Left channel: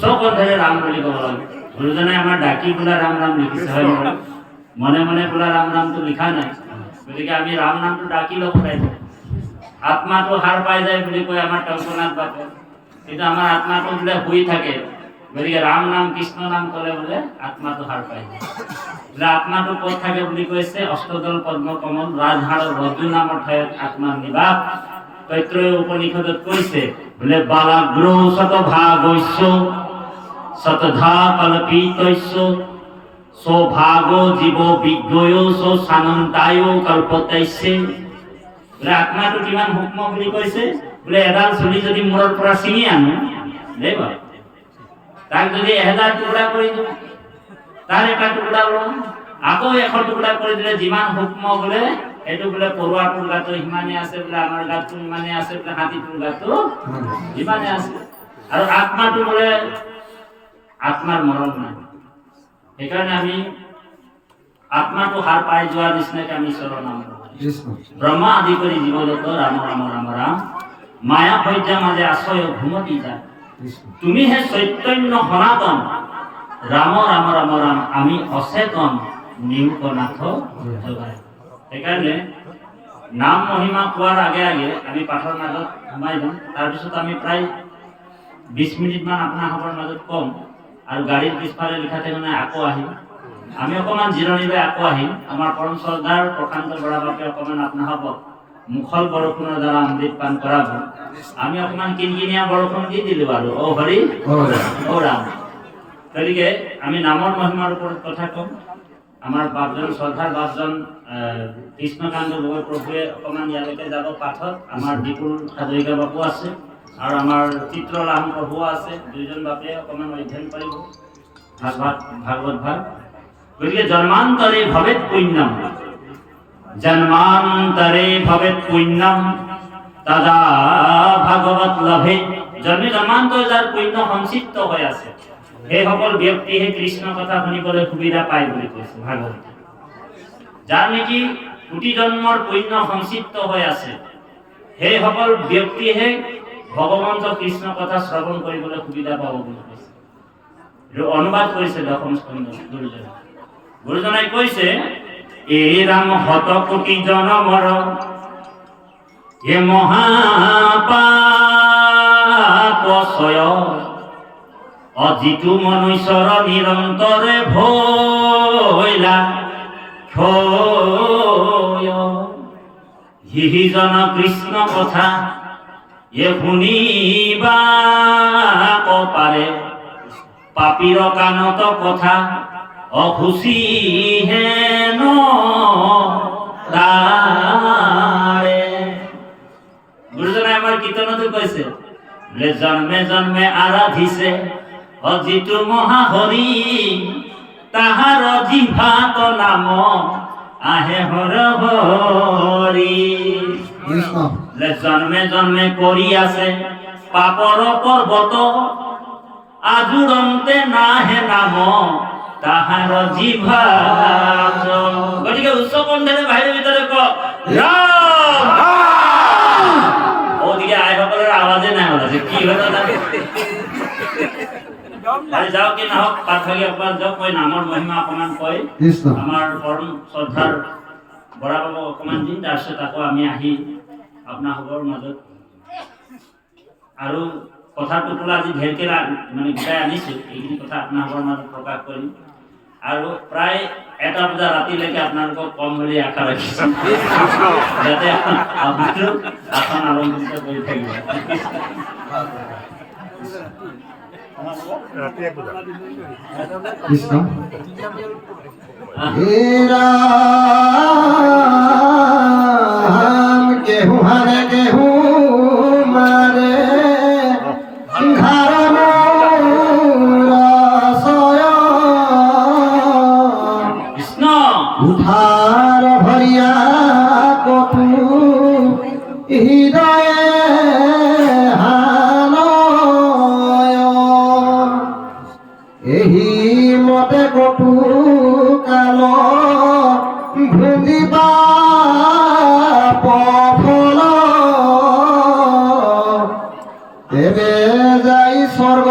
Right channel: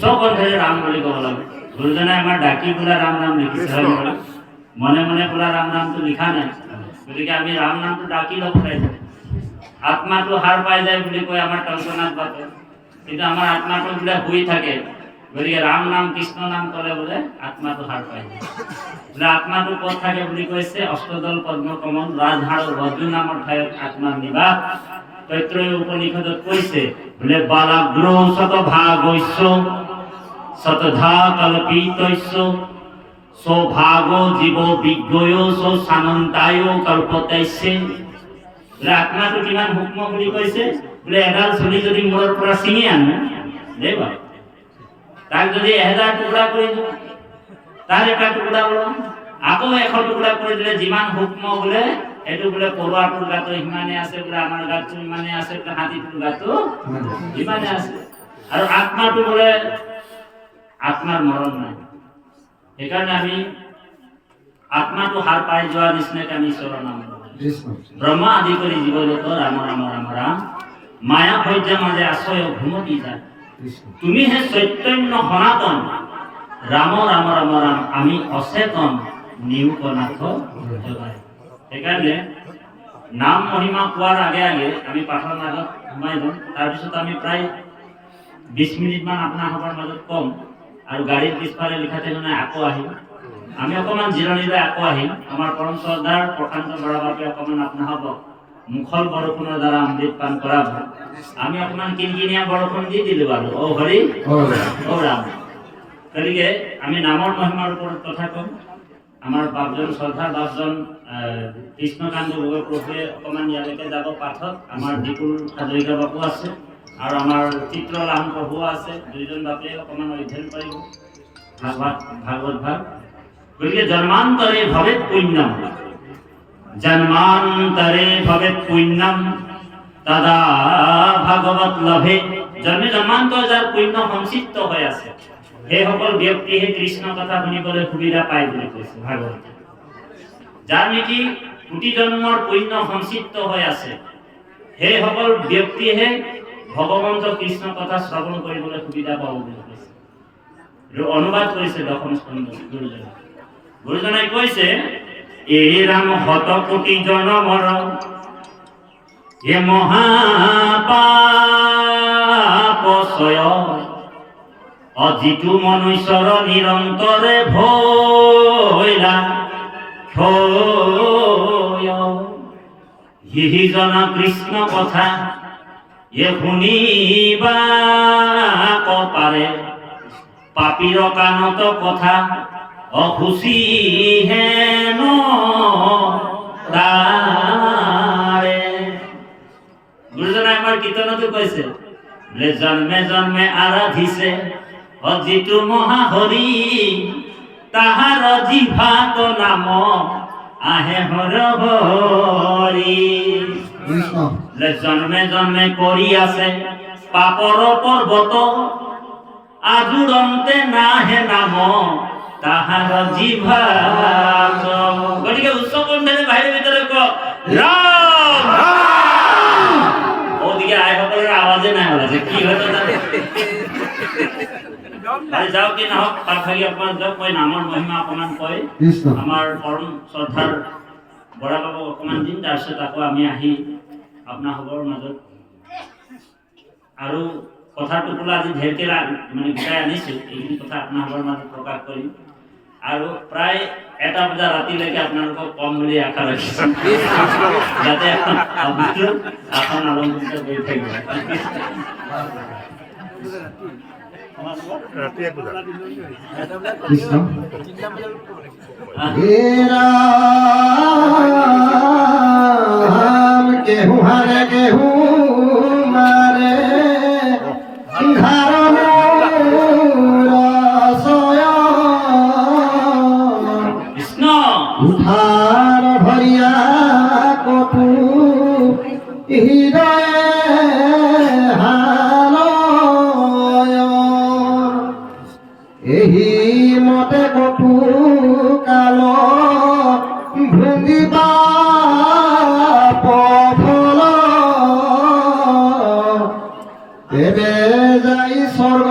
উচ্চকণ্ঠৰে ৰাম বুলি ক'ব লাগে। গুৰুজনাই আমাৰ ডাকি বোলা ৰাম নাম লিখিছে, হয় নহয়? মনে মনে বোলা ৰাম নামটো লিখা নাই। গতিকে আমি ৰাম নামটো ডাকি ল'ব লাগিব। আত্মাটো হাৰ পাই যায় বুলি কয় আমাৰ টংকনাথ বাপে, কিন্তু আমাৰ আত্মাটো বোলে শুই থাকে। গতিকে ৰাম নাম কৃষ্ণ নাম ক'লে বোলে আত্মাটো হাৰ পাই যায়। বোলে আত্মাটো ক'ত থাকে বুলি কৈছে, অষ্টদল পদ্মকমল ৰাজহাড়ৰ ৰজ্জু নামৰ ঠাইত আত্মাৰ নিবাস। তৈত্ৰয় উপনিষদত কৈছে বোলে বালাগ্ৰ শতভাগস্য শতধা কল্পিতস্য সৌভাগ জীৱ বিজ্ঞয় সানন্তায় কল্পতস্য। বোলে আত্মাটো কিমান সূক্ষ্ম বুলি কৈছে, বোলে এডাল চুলি যদি মূৰৰ পৰা ছিঙি আনো দেই বাৰু, তাক যদি 1000 টুকুৰা কৰি দিওঁ, তাৰ এটা টুকুৰা লওঁ, আকৌ 100 টুকুৰা কৰি দিলে যিমান সূক্ষ্ম বোলে এইটো বোলে পৰুৱাটোৰ গাটো সিমানে আছে, বোলে আমাৰ গাটো ইমানে আছে, বোলে হাতীটোৰ গাটো ইমানে আছে। আৰু আত্মাটো বোলে আত্মাৰ মৰণ নাই। সেইকাৰণে আমি আত্মাটো হাৰ পাই যোৱাৰ নিচিনাকে আমি ঈশ্বৰৰ নাম ব্ৰহ্মা আদি কৰি জীৱজগত ৰাম ৰাম ৰাম ৰাম মায়া সৈয্যা মাজে আশ্ৰয় ঘুমতি যায়। তুমি হে চৈতন্য সনাতন ৰাম ৰাম ৰাম ৰাম আমি অচেতন নিউকনাথ জগায়। সেইকাৰণে নাম মহিমা কোৱাৰ আগে আগে আমি পাঠৰ মাজত সোমাই যাওঁ। তাৰপিছত আমি প্ৰায় 20 মিনিটমান আপোনালোকৰ মাজত কম, আৰু গাড়ীৰ পিছফালে লিখা থাকিব নাই আকৌ আহিম। আমি অকণমান জিৰণি লৈ আকৌ আহিম। আমাৰ পৰম শ্ৰদ্ধাৰ প্ৰশান্ত বৰা বাপে অকণমান আপোনালোকক মুখল বৰষুণৰ দ্বাৰা অমৃত পান কৰাব। আমি অকণমান কিনকিনীয়া বৰষুণ দি দিলোঁ আৰু অ হৰি অ ৰাম। গতিকে আমি নামৰ মহিমাৰ ওপৰত কথা ক'ম। আমাৰ বাপজন শ্ৰদ্ধাৰ বাপজন কৃষ্ণকান্ত গগৈ প্ৰভুৱে অকণমান ইয়ালৈকে যাব পাঠত। আমাৰ বিপুল হাজৰিকা বাপু আছে আৰু আমাৰ চিত্ৰলাহন প্ৰভুও আছে। দুইজন বাপে অকণমান অধ্যয়ন কৰিব ভাগৱত ভাগ। গতিকে জন্মান্তৰে ভৱেৎ পুণ্যম, জন্মান্তৰে ভৱেৎ পুণ্যম তদা ভাগৱত লভে। জন্মে জন্মান্তৰ যাৰ পুণ্য সংচিপ্ত হৈ আছে, সেইসকল ব্যক্তিহে কৃষ্ণ কথা শুনিবলৈ সুবিধা পায় বুলি কৈছে ভাগৱত। যাৰ নেকি কোটি জন্মৰ পুণ্য সংচিপ্ত হৈ আছে, সেইসকল ব্যক্তিহে ভগৱন্ত কৃষ্ণ কথা শ্ৰৱণ কৰিবলৈ সুবিধা পাব বুলি কৈছে। অনুবাদ কৰিছে দশম স্কন্ধ গুৰুজনে। গুৰুজনাই কৈছে এই ৰাম শত কোটি জনমৰ এ মহাপাপচয় অজিতু মনুষ্যৰ নিৰন্তৰে ভৈলা ক্ষয়। হিজন কৃষ্ণ কথা এ শুনিবা পাৰে, পাপীৰ কাণত কথা অখুচি হেন তাৰে। গুৰুজনাই আমাৰ কীৰ্তনতো কৈছে বোলে জন্মে জন্মে আৰাধিছে অজিতু মহাহৰি, তাহাৰ জিভাত নাম আহে হৰ হৰি। বোলে জন্মে জন্মে কৰি আছে পাপৰ পৰ্বত, আজুৰন্তে নাহে নাম তাহাৰ জিভাত। গতিকে উচ্চ কণ্ঠৰে বাহিৰৰ ভিতৰে কওক ৰাম। ওদিকে আইসকলৰ আৱাজে নাই ওলাইছে, কি হল যাওক কি নহওক পাঠভাগী অকমান যাওক, কৈ নামৰ মহিমা অকমান কয়। আমাৰ পৰম শ্ৰদ্ধাৰ বৰা বাবুক অকমান দিম, তাৰপিছত আকৌ আমি আহি আপোনালোকৰ মাজত আৰু কথাৰ টোপোলা আজি ঢেৰকে মানে গোটাই আনিছোঁ, এইখিনি কথা আপোনালোকৰ মাজত প্ৰকাশ কৰিম। আৰু প্ৰায় 1টা বজা ৰাতিলৈকে আপোনালোকক কম বুলি আশা ৰাখিছোঁ, যাতে আপোনালোকে আসন আৰম্ভিত কৰি থাকিব। কৃষ্ণ কেহু হারে কেহু মারে কৃষ্ণ উঠার ভরিয়া কটু হৃদয়ে এহি মতে কটু কাল ভুঙ্গিবা পফল, তেবে যাই স্বর্গ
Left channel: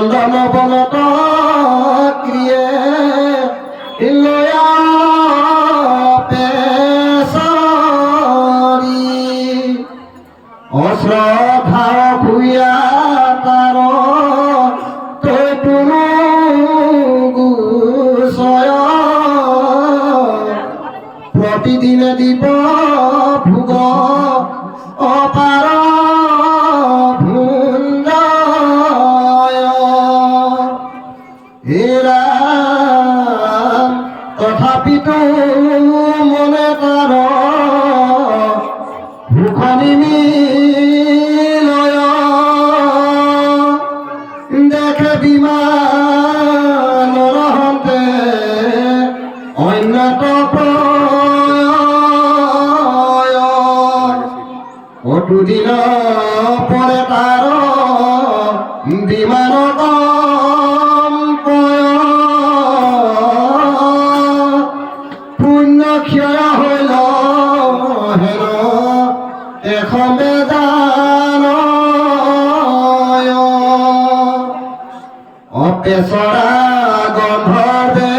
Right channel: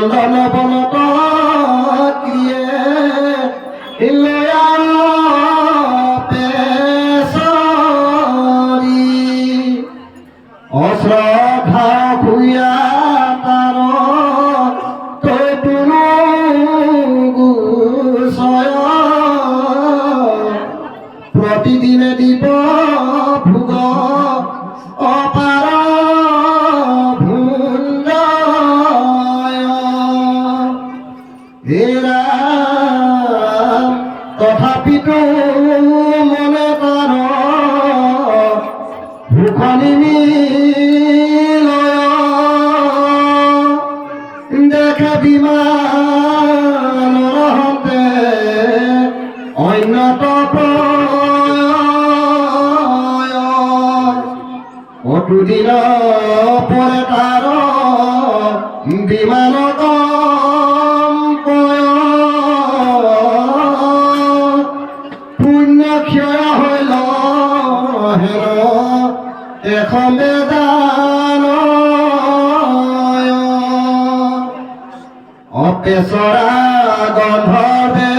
নন্দন বনত ক্ৰিয়ে লয়া পেছৰি অশ্ৰদ্ধা ভূঞা তাৰ তৈতুনো গুচয় প্ৰতিদিনে দিব ভোগ অপাৰ ভুঞ্জয় হে ৰাম তথাপিতো মনে কৰ ভোখ নিমিলয় দেখে বিমানৰ হন্তে অন্যত দুদিন পৰে তাৰ বিমান কম্পয় পুণ্য ক্ষয় হইল হেন এখন বেদান অপেছৰা গন্ধৰ্বে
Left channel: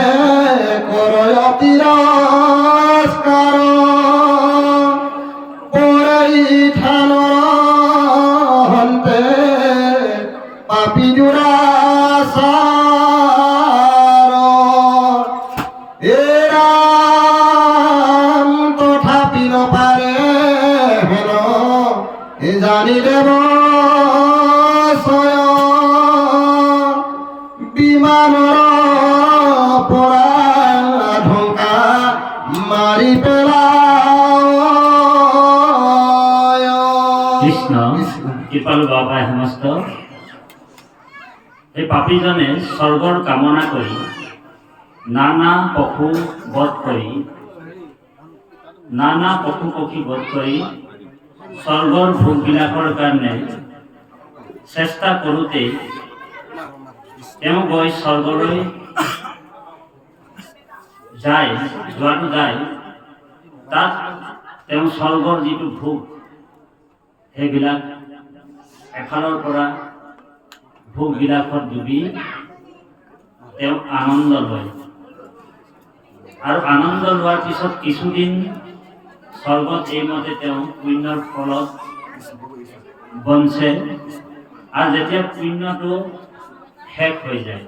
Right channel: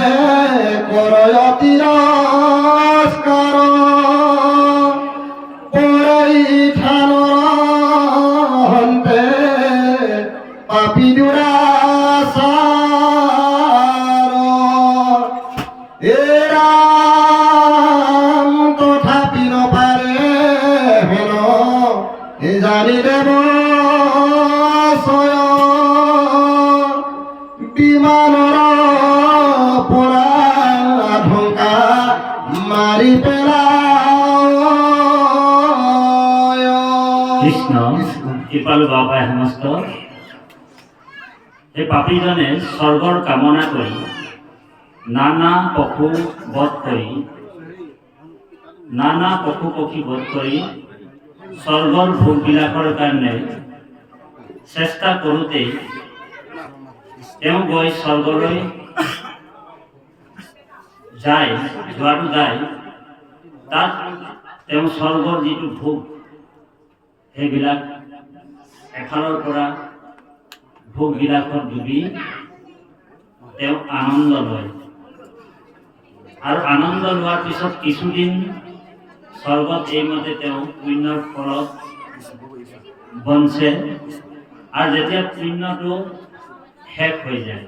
কৰয় তিৰস্কাৰ পাপি দুৰাচাৰ এ ৰাম তথাপি নপাৰে হেন এ জানি দেৱ ছয় বিমানৰ পৰা ঢংকা মাৰি পেলায় কৃষ্ণ কৃপালু বাবাই সমস্ত এই পাপীজনে স্বৰ্গৰ কামনা কৰি নানা পশু বধ কৰি স্বৰ্গৰ ভোগবিলাকৰ কাৰণে চেষ্টা কৰোঁতেই তেওঁ গৈ স্বৰ্গলৈ যোৱাটো যায় তাত তেওঁ স্বৰ্গৰ যিটো ভোগ সেইবিলাক এফালৰ পৰা ভোগবিলাকত ডুবি তেওঁ আনন্দ লয় আৰু আনন্দ লোৱাৰ পিছত কিছুদিন স্বৰ্গত এইমতে তেওঁ পুণ্যৰ ফলত বঞ্চে আৰু যেতিয়া পুণ্যটো শেষ হৈ যায়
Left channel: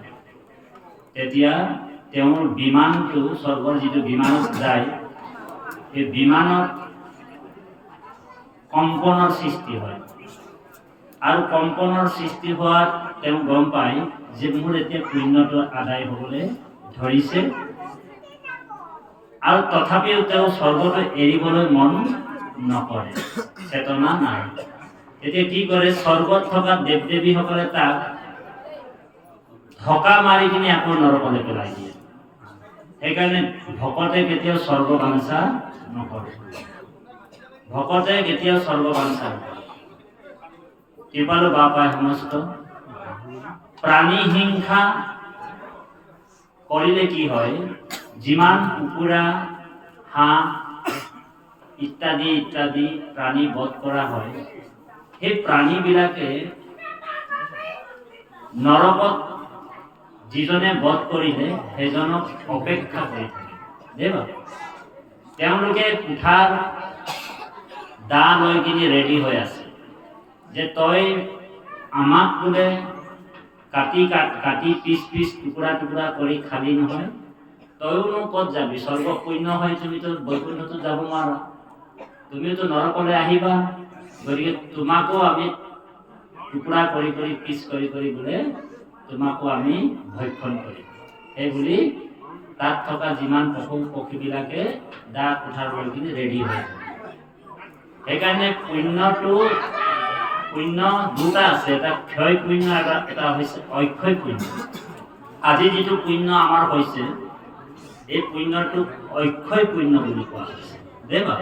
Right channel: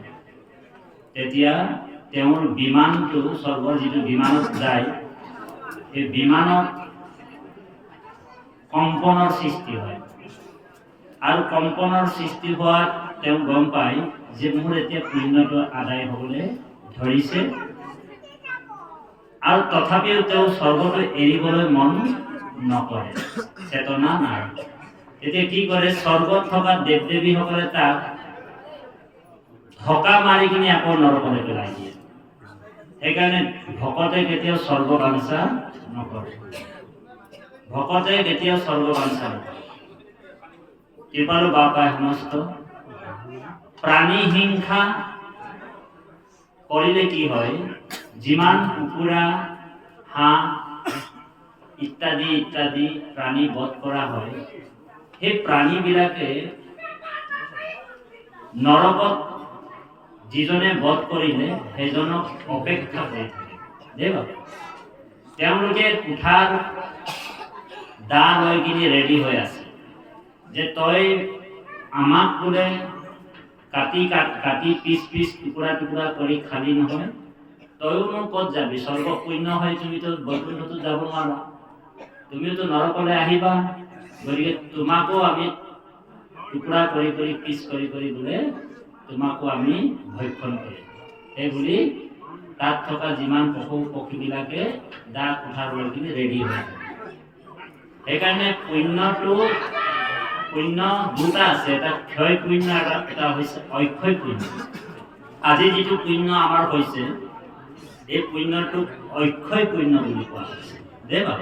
তেতিয়া তেওঁৰ বিমানটো স্বৰ্গৰ যিটো বিমানত যায় সেই বিমানত কম্পনৰ সৃষ্টি হয় আৰু কম্পনৰ সৃষ্টি হোৱাত তেওঁ গম পায় যে মোৰ এতিয়া পুণ্যটো আদায় হ'বলৈ ধৰিছে আৰু তথাপিও তেওঁ স্বৰ্গটো এৰিবলৈ মন নকৰে চেতনা নাই এতিয়া কি কৰে স্বৰ্গত থকা দেৱ দেৱীসকলে তাক ধকা মাৰি কিনে আকৌ নৰকলৈ পেলাই দিয়ে সেইকাৰণে ভকতে কেতিয়াও স্বৰ্গ বাঞ্ছা নকৰে কৃপালু বাবাই সমস্ত প্ৰাণী হিংসা কৰিলে কি হয় যিমান কুকুৰা হাঁহ ইত্যাদি ইত্যাদি প্ৰাণী বধ কৰা হয় সেই প্ৰাণীবিলাকে নৰকত যিজনে বধ কৰিলে সেইজনক অপেক্ষা কৰি থাকে দেৱ তেওঁলোকে কুঠাৰ দা লৈ কিনি ৰেডি হৈ আছে যে তই আমাক বোলে কাটি পিচ টুকুৰা কৰি খালি নহয় তইও ক'ত যাবি স্বৰ্গ পুণ্য হয় তুমিতো বৈকুণ্ঠতো যাব নোৱাৰা তুমিওতো নৰকলৈ আহিবা গতিকে তোমাকো আমি টুকুৰা কৰি পিচ কৰি বোলে তোমাকো আমি ভক্ষণ কৰিম সেই বুলি তাত থকা যিমান পশু পক্ষীবিলাকে দা কুঠাৰ লৈ কিনি ৰেডি হৈ থাকে সেইকাৰণে পুণ্য দুটা আছে এটা ক্ষয় পুণ্য এটা হৈছে অক্ষয় পুণ্য আজি যিটো পুণ্য আমাৰ হৈছে এই পুণ্যটোক অক্ষয় পুণ্য বুলি কোৱা হৈছে দেৱা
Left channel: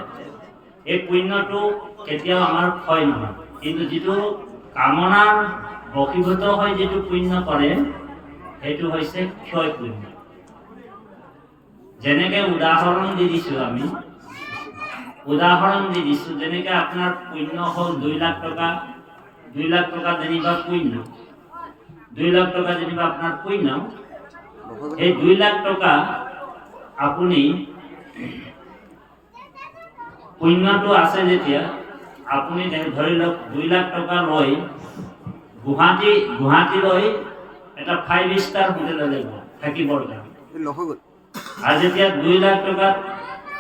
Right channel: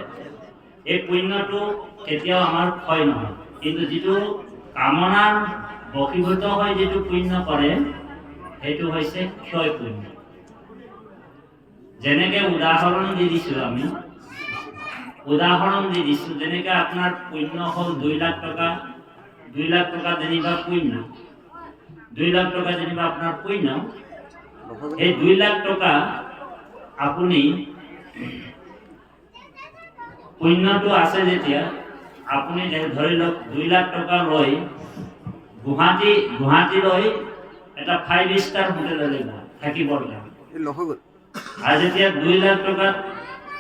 এই পুণ্যটো কেতিয়াও আমাৰ ক্ষয় নহয় কিন্তু যিটো কামনাৰ বশীভূত হৈ যিটো পুণ্য কৰে সেইটো হৈছে ক্ষয় পুণ্য যেনেকে উদাহৰণ দি দিছোঁ আমি যেনেকে আপোনাৰ পুণ্য হ'ল 2 লাখ টকা যেনিবা পুণ্য 2 লাখ টকা যেনিবা আপোনাৰ পুণ্য, এই 2 লাখ টকা আপুনি পুণ্যটো আছে যেতিয়া আপুনি ধৰি লওক 2 লাখ টকা লৈ গুৱাহাটীলৈ এটা 5 ষ্টাৰ হোটেললৈ গ'ল থাকিবৰ কাৰণে। আৰু যেতিয়া 2 লাখ টকাত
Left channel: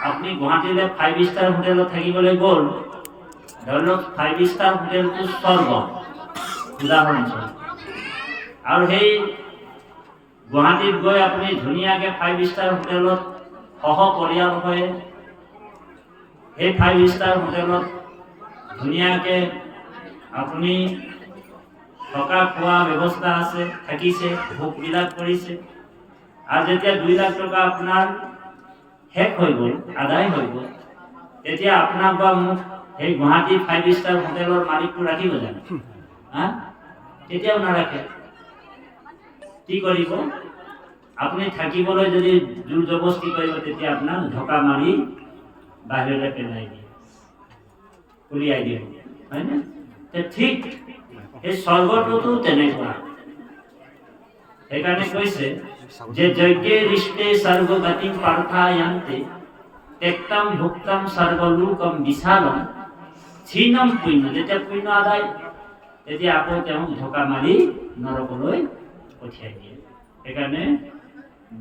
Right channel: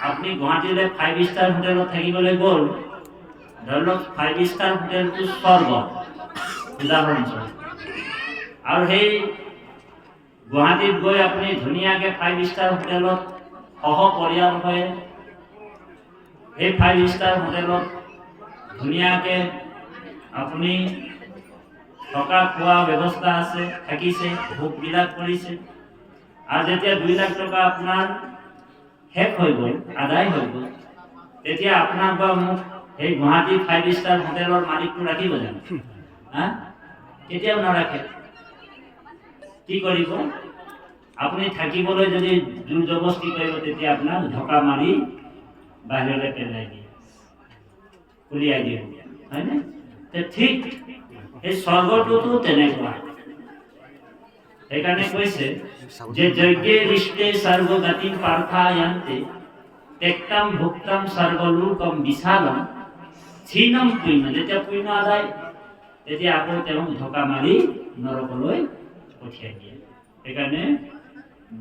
আপুনি গুৱাহাটীলৈ 5 ষ্টাৰ হোটেলত থাকিবলৈ গ'ল, ধৰি লওক 5 ষ্টাৰ হোটেলটো স্বৰ্গ উদাহৰণস্বৰূপ, আৰু সেই গুৱাহাটীত গৈ আপুনি ধুনীয়াকৈ 5 ষ্টাৰ হোটেলত সহপৰিয়াল হৈ সেই 5 ষ্টাৰ হোটেলত ধুনীয়াকৈ আপুনি থকা খোৱা ব্যৱস্থা আছে, থাকিছে, ভোগবিলাক কৰিছে, আৰু যেতিয়া 2 লাখ টকা আপোনাৰ শেষ হৈ গ'ল, আদায় হৈ গ'ল, তেতিয়া আপোনাক বা মোক সেই গুৱাহাটী 5 ষ্টাৰ হোটেলৰ মালিকটো ৰাখিব জানো? কেতিয়াও নাৰাখে। কি কৰিব? আপুনি থাকিবলৈ যদি জোৰ জবস্তি কৰিব, তেতিয়া আপোনাক ঢকা মাৰি বাহিৰলৈ পেলাই দিয়ে, উলিয়াই দিয়ে, হয়নে? ঠিক এই স্বৰ্গটোতো তেনেকুৱা। সেইকাৰণে কৈছে যে যজ্ঞে ৰিষ্টে স্বৰ্গগতি পাৰ্থয়ান্তে তেক্তম ভুক্তম স্বৰ্গলোকম বিশালম ক্ষীণম পুণ্য। যেতিয়া পুণ্য আদায়, তেতিয়া আকৌ তেওঁক ঢকা মাৰি নৰকলৈ পঠিয়াই দিয়ে। সেইকাৰণে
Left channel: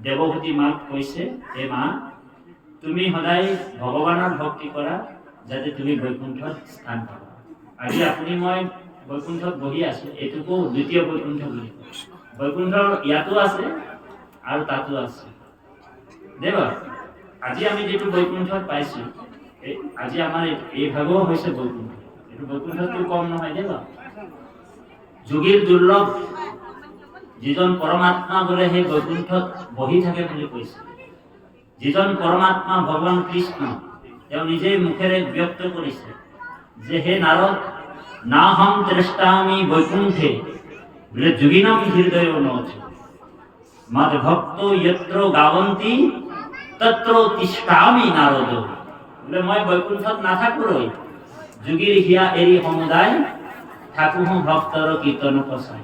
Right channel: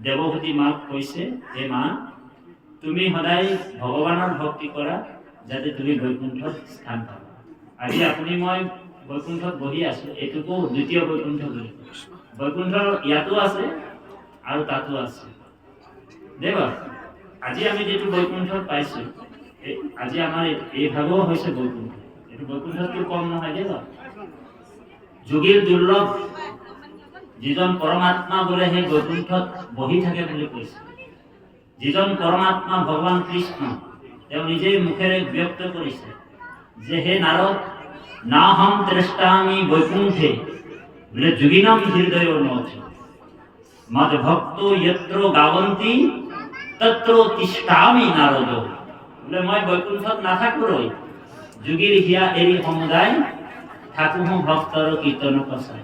দেৱভূতি মাক কৈছে, হে মা, তুমি সদায় ভগৱানৰ ভক্তি কৰা যাতে তুমি বৈকুণ্ঠত স্থান পাবা। আজি আপুনি মই বৈকুণ্ঠত বহি আছো, এইটোকো দ্বিতীয় বৈকুণ্ঠ বুলি কয়। বৈকুণ্ঠ ইয়াতো আছে আৰু তাতো আছে। দেৱা আজি আমি যেটো বৈকুণ্ঠত পাইছো, আজি আমাৰ এই ভাগও হৈছে বৈকুণ্ঠ। এইটো বৈকুণ্ঠটো কম নহয় দেৱা। যোগীৰ দুৰ্লভ যিজন পৰমাত্মা বোলে সেই বৈকুণ্ঠত বহি থাকে বুলি কৈছে। যিজন পৰমাত্মা ভগৱান কৃষ্ণ, তেওঁ নিজেই মুখেৰে ব্যক্ত কৰিছে যে হে নাৰদ, নাহম ত্ৰেষ্টামি বৈকুণ্ঠে বোলে যোগিনম হৃদয় নথি মদ ভক্ত যত্ৰ গাৱন্তি তত্ৰ তিষ্ঠামি নাৰদ। বোলে মই বৈকুণ্ঠত নাথাকোঁই, যোগীৰ হিয়া এৰি সমুদায় থাকোঁ ভক্তৰ কীৰ্তন পচাই।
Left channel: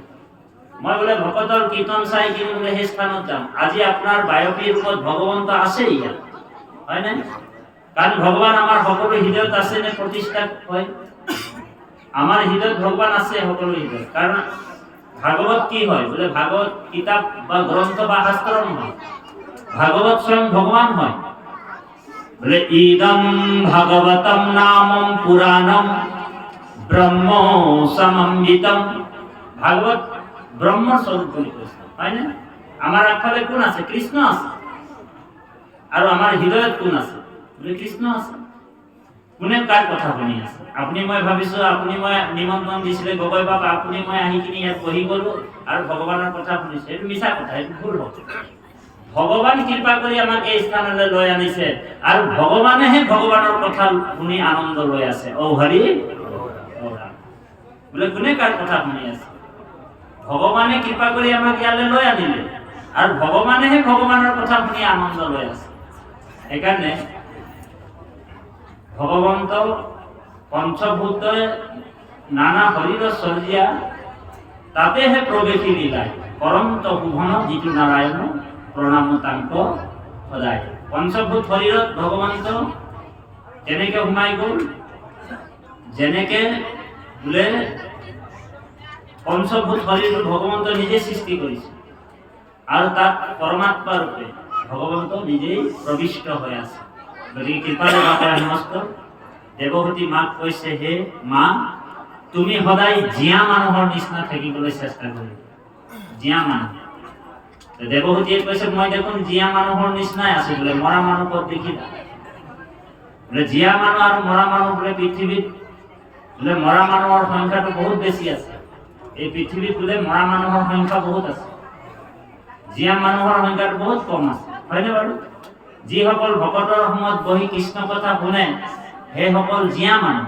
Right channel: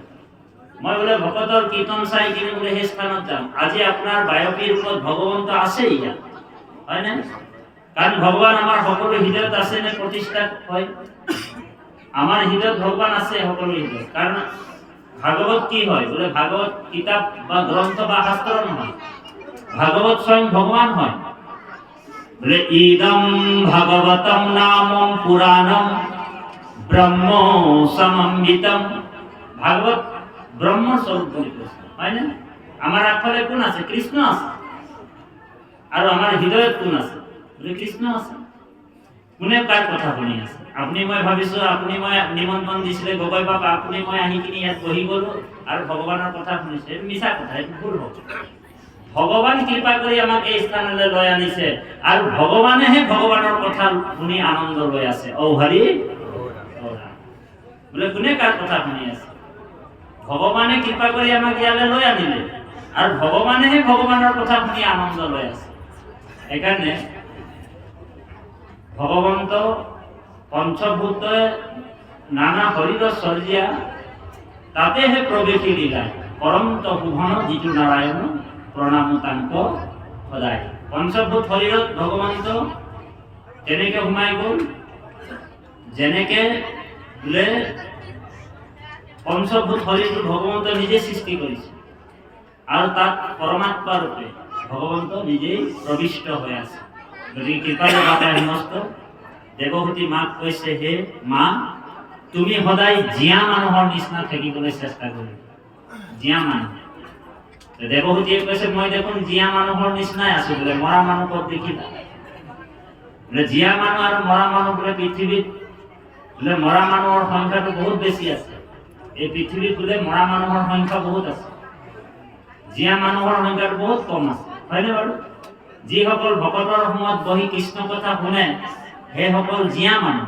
মই বোলে ভকতৰ কীৰ্তন চাই কিনে বোলে সেই স্থানত যাম। আজি আপোনাৰ বায়পী ৰূপত ভগৱন্ত আছে ইয়াত, হয় নাই? কাৰণ ভগৱান আমাৰ সকলো হৃদয়ত আছে নে প্ৰতিষ্ঠা হয়? আমাৰ হৃদয়ত ভগৱান আছে সকলো হৃদয়ত। কাৰণ ভাগৱত কি হয়? বোলে ভাগৱত কিতাপ বা গ্ৰন্থ বা শাস্ত্ৰ নহয়, ভাগৱত স্বয়ং ভগৱান হয়। বোলে ইদম ভাগৱতম নামম পুৰাণম ব্ৰহ্ম সমন্বিতম। ভাগৱত ব্ৰহ্মৰ স্বৰূপ বুলি কৈছে, হয় নে? আমাৰ আগফালে কোন আছে? কৃষ্ণ আছে। আৰু আমাৰ হৃদয়ত কোন আছে? বোলে কৃষ্ণ আছে। কোনে কাৰ কথা শুনি আছে? আপুনি মই ভাবিছো, আপুনি মই নিমন্ত্ৰণ দিছিলে গগৈ বাবা, আপুনি মই আহি কিনি ইয়াত বহি গলো আৰু ভগৱানৰ কথা শুনিছে। এইটো মিছা কথা, এইটো ভুল হ'ব। ভগৱান কৃপা কৰি আমাক এই স্থানলৈ লৈ আনিছে, আৰু ভগৱানেহে ভগৱানৰ কথা শুনি আনন্দ লৈ আছে। ঔ হৰি বোলে কোনে কাৰ কথা শুনি আছে? ভগৱানে কৃপা কৰি আমাক ইয়ালৈ লৈ আনিলে, আৰু ভগৱানেহে ভগৱানৰ কথা শুনি আনন্দ লৈ আছে। সেইকাৰণে ভগৱন্ত পঞ্চভূতে নানা শৰীৰ সজ্জা তাতেহে প্ৰৱেশী লীলাই কৰন্ত ভুৱন যিটো নাৰায়ণ প্ৰণাম তাংক সদায়। পঞ্চভূত শৰীৰত ভগৱন্ত তেনেকে সোমাই গ'ল, যেনেকে বোলে পঞ্চভূত শৰীৰটো ভগৱন্ত নিজে সৃষ্টি কৰিছে, আৰু তাত পৰমাত্মা ৰূপে ভগৱন্ত নিজেই প্ৰবিষ্ট হৈ আছে। গতিকে কৃপাৰ মাতাৰ সমস্ত দেৱভূতি মাক কৈছে, হে মা, তুমি সদায় জীয়া মানুহৰ নিচিনা থাকিবলৈ চেষ্টা কৰিবা। জীয়া মানুহ। দেৱভূতিয়ে কৈছে, মই দেখোন জীয়া মানুহৰ নিচিনাই আছো। বোলে মৰা মানুহ ক'ত দেখিলা? বোলে জীয়া মানুহ আৰু মৰা মানুহ বোলে পৃথিৱীত বোলে মৰা মানুহৰ সংখ্যাটো বহুত বেছি আছে। এই পৃথিৱীত বোলে মৰা মানুহৰ সংখ্যা বহুত আছে, জীয়া মানুহৰ সংখ্যাটো বহুত কম আছে, হয়নে বাৰু? যিসকল ভকতৰ সময়ত বহি কৃষ্ণ কথা শুনে, সেইসকল জীয়া মানুহ।